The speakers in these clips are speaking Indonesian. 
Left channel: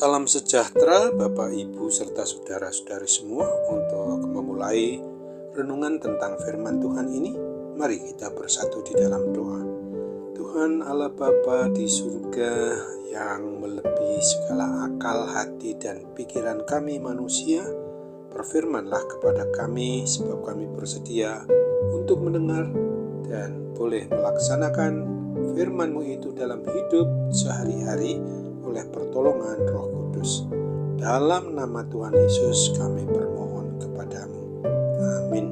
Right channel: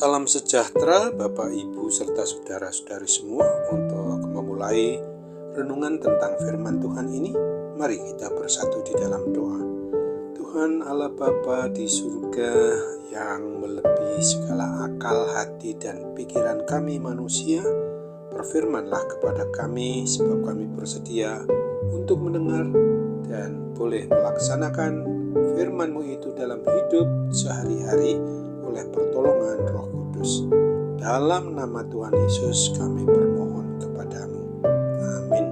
Salam sejahtera Bapak, Ibu, serta saudara-saudari semua. Untuk memulai renungan tentang firman Tuhan ini, mari kita bersatu di dalam doa. Tuhan Allah Bapa di surga yang melebihi segala akal, hati, dan pikiran kami manusia, berfirmanlah kepada kami sebab kami bersedia untuk mendengar dan boleh melaksanakan firman-Mu itu dalam hidup sehari-hari oleh pertolongan Roh Kudus. Dalam nama Tuhan Yesus kami bermohon kepadamu. Amin.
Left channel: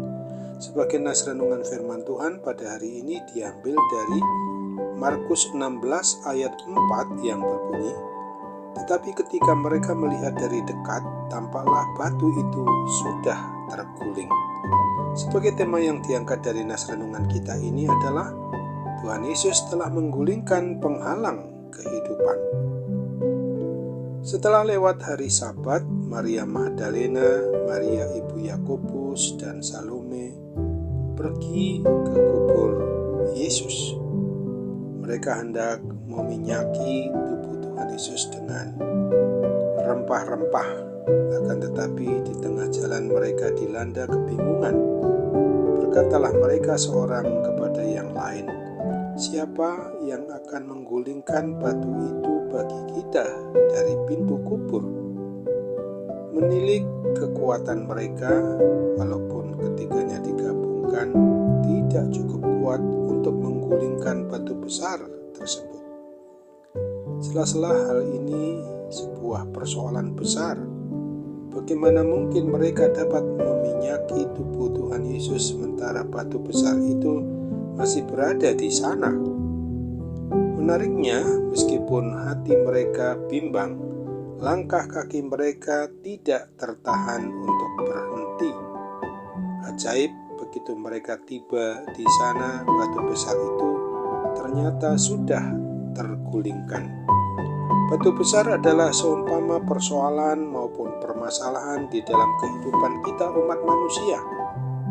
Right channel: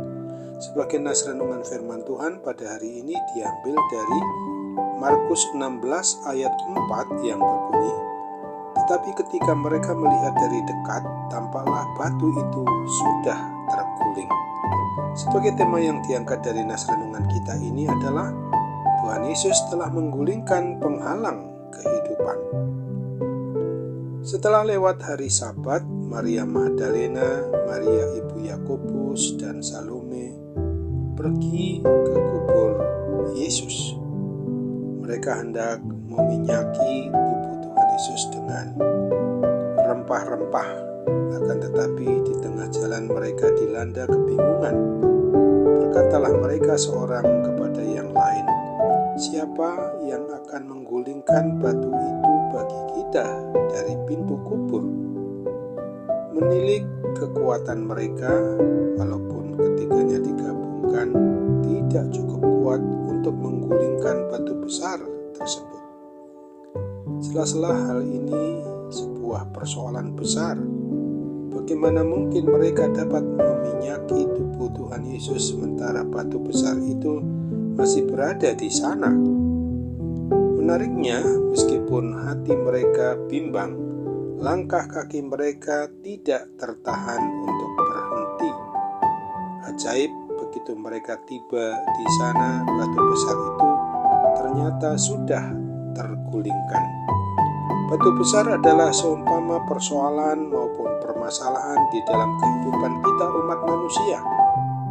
Sebagai nas renungan firman Tuhan pada hari ini diambil dari Markus 16 ayat 4 yang berbunyi, "Tetapi ketika mereka melihat dari dekat, tampaklah batu itu sudah terguling." Sebagai tema yang diangkat dari nas renungan kita ini adalah Tuhan Yesus telah menggulingkan penghalang kehidupan. Setelah lewat hari Sabat, Maria Magdalena, Maria ibu Yakobus, dan Salome pergi ke kubur Yesus. Mereka hendak meminyaki tubuh Tuhan Yesus dengan rempah-rempah, akan tetapi di tengah jalan mereka dilanda kebingungan. Berkatalah mereka seorang kepada yang lain, "Siapa yang akan menggulingkan batu itu bagi kita dari pintu kubur?" Menilik kekuatan mereka, walaupun ketiganya digabungkan, tidak cukup kuat untuk menggulingkan batu besar tersebut. Sela-sela hal ini sebuah persoalan besar. Bagaimana mungkin mereka dapat meminyaki tubuh Tuhan Yesus sementara batu besar itu masih berada di sana? Menariknya, meskipun hati mereka bimbang, langkah kaki mereka tidak tertahan untuk berhenti. Ajaib, begitu mereka tiba di sana, batu besar itu ternyata sudah tergulingkan. Batu besar adalah seumpama persoalan maupun permasalahan di dalam kehidupan kita umat manusia.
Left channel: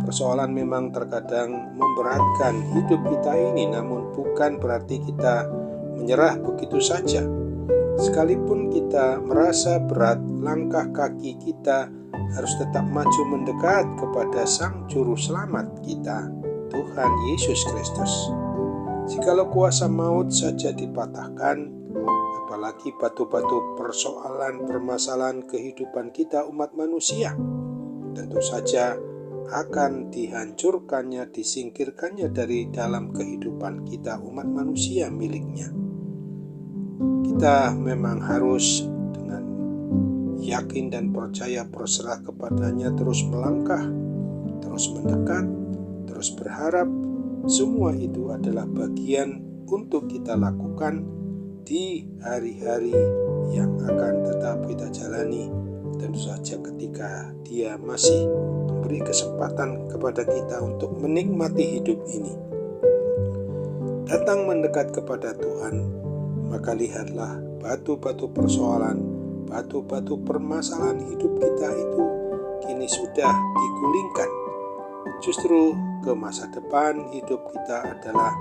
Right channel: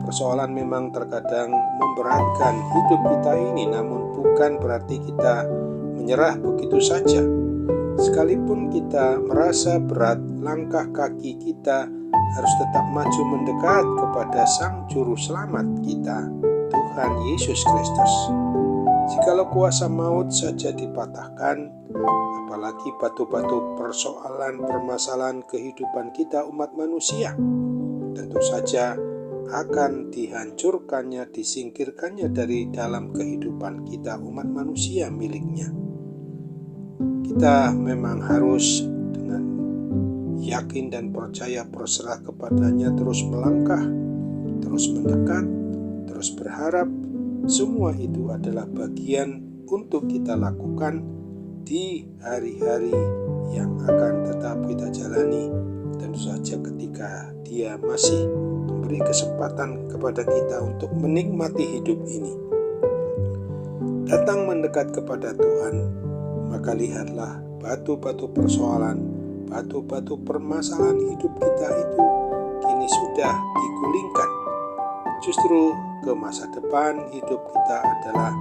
Persoalan memang terkadang memberatkan hidup kita ini, namun bukan berarti kita menyerah begitu saja. Sekalipun kita merasa berat, langkah kaki kita harus tetap maju mendekat kepada Sang Juru Selamat kita, Tuhan Yesus Kristus. Jikalau kuasa maut saja dipatahkan, apalagi batu-batu persoalan permasalahan kehidupan kita umat manusia, tentu saja akan dihancurkannya, disingkirkannya dari dalam kehidupan kita umat manusia miliknya. Kita memang harus dengan yakin dan percaya berserah kepadanya, terus melangkah, terus mendekat, terus berharap. Semua itu adalah bagian untuk kita lakukan di hari-hari yang akan tetap kita jalani, tentu saja ketika Dia masih memberi kesempatan kepada kita untuk menikmati hidup ini. Datang mendekat kepada Tuhan, maka lihatlah batu-batu persoalan, batu-batu permasalahan hidup kita itu kini sudah digulingkan. Justru ke masa depan hidup kita adalah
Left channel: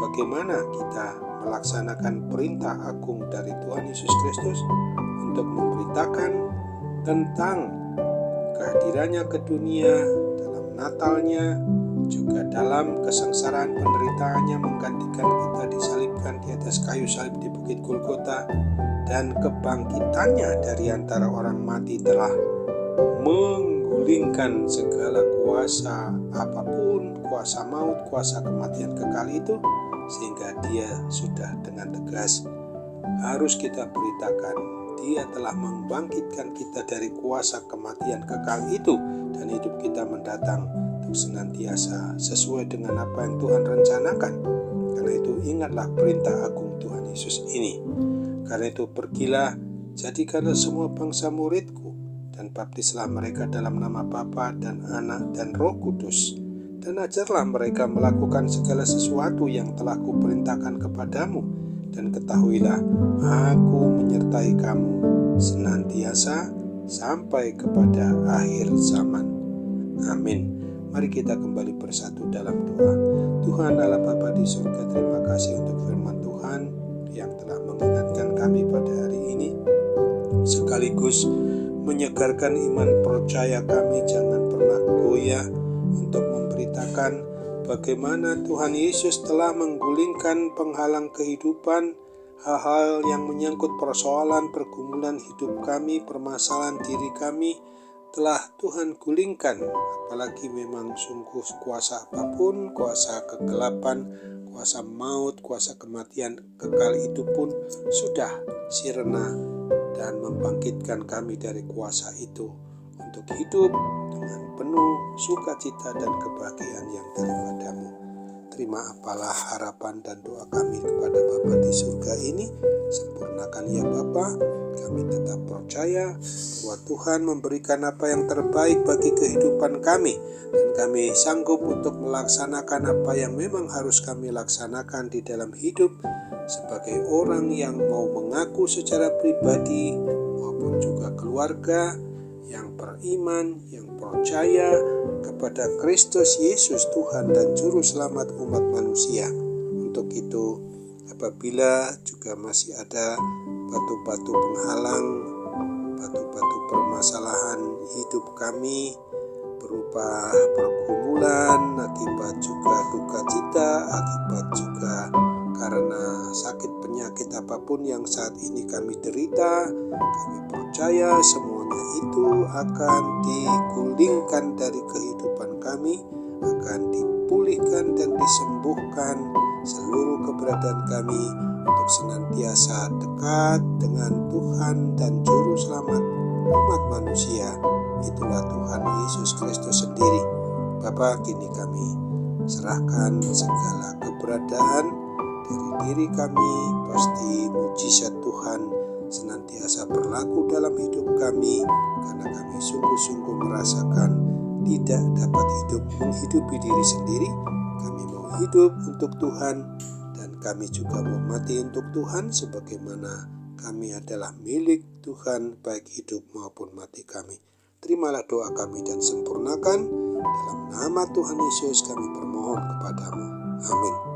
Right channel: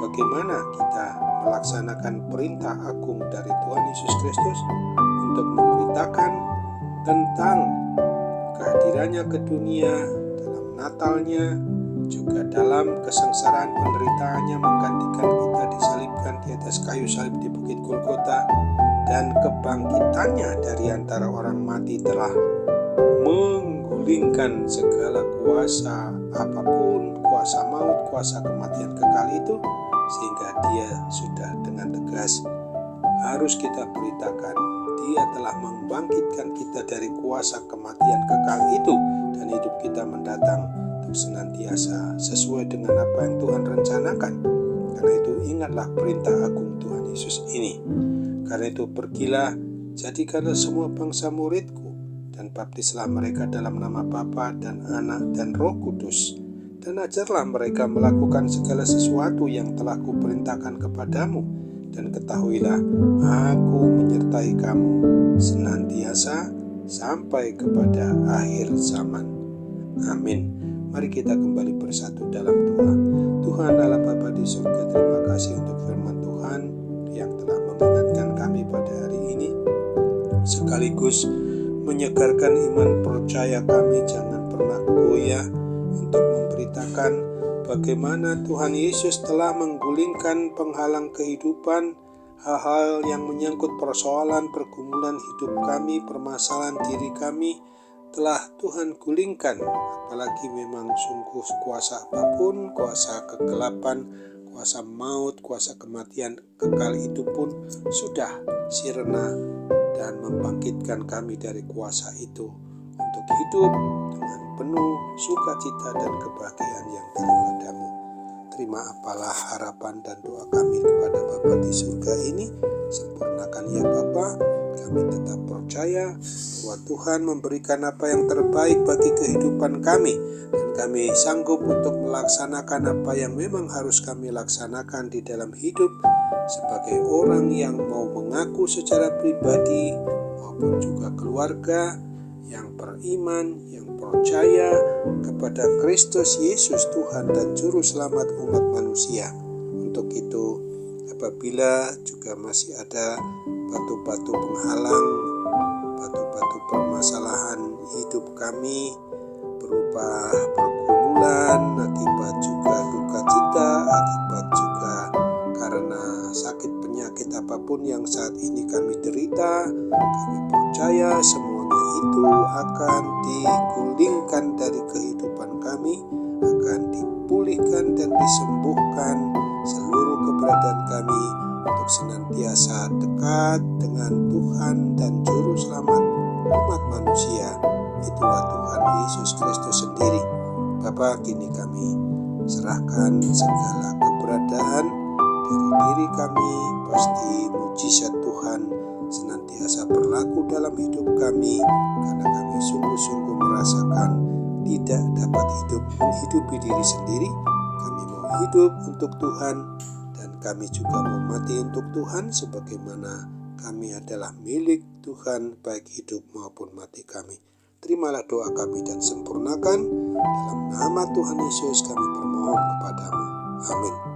bagaimana kita melaksanakan perintah agung dari Tuhan Yesus Kristus untuk memberitakan tentang kehadirannya ke dunia dalam Natalnya, juga dalam kesengsaraan penderitaannya menggantikan kita disalibkan di atas kayu salib di Bukit Golgota, dan kebangkitannya dari antara orang mati telah menggulingkan segala kuasa apapun, kuasa maut, kuasa kematian kekal itu, sehingga Dia sudah dengan tegas harus kita beritakan, Dia telah membangkitkan kita dari kuasa kematian kekal itu, dan hidup kita mendatang untuk senantiasa sesuai dengan apa yang Tuhan rencanakan. Karena itu ingatlah perintah agung Tuhan Yesus ini. Karena itu pergilah, jadikanlah semua bangsa muridku, dan baptislah mereka dalam nama Bapa dan Anak dan Roh Kudus, dan ajarlah mereka melakukan segala sesuatu yang telah kuperintahkan kepadamu, dan ketahuilah aku menyertai kamu senantiasa sampai kepada akhir zaman. Amin. Mari kita kembali bersatu dalam doa. Tuhan Allah Bapa di surga, terima kasih untuk firman Tuhan yang telah mengingatkan kami pada hari ini sekaligus menyegarkan iman percaya kami jangan pernah goyah untuk memberitakan bagaimana Tuhan Yesus telah menggulingkan penghalang kehidupan, hal-hal yang menyangkut persoalan pergumulan hidup kami, permasalahan diri kami telah Tuhan gulingkan. Apalagi memang sungguh kuasa apapun, kuasa kegelapan, kuasa maut, kuasa kematian kekal itu pun sudah sirna dan membangkitkan kami dari kuasa itu untuk hidup dengan penuh sukacita dan kebahagiaan yang daripada-Mu. Terima apalah harapan dan doa kami kepada Bapa di surga ini. Sempurnakan ya Bapa, kami tetap percaya bahwa Tuhan memberikan apa yang terbaik bagi kehidupan kami, dan kami sanggup untuk melaksanakan apa yang memang harus kami laksanakan di dalam hidup sebagai orang yang mau mengaku secara pribadi maupun juga keluarga yang beriman, yang percaya kepada Kristus Yesus Tuhan dan Juru Selamat umat manusia. Untuk itu, apabila juga masih ada batu-batu penghalang, batu-batu permasalahan hidup kami berupa pergumulan, akibat juga duka cita, akibat juga karena sakit penyakit apapun yang saat ini kami derita, kami percaya semuanya itu akan digulingkan dari kehidupan kami, akan dipulihkan dan disembuhkan seluruh keberadaan kami untuk senantiasa dekat dengan Tuhan dan Juru Selamat umat manusia. Itulah Tuhan Yesus Kristus sendiri. Bapa, kini kami serahkan segala keberadaan dari diri kami, pasti mujizat Tuhan senantiasa berlaku dalam hidup kami, karena kami sungguh-sungguh merasakan tidak dapat hidup menghidupi diri sendiri. Kami mau hidup untuk Tuhan, dan kami juga mau mati untuk Tuhan, sebagaimana kami adalah milik Tuhan baik hidup maupun mati kami. Terimalah doa kami dan sempurnakan. Dalam nama Tuhan Yesus kami bermohon kepadamu. Amin.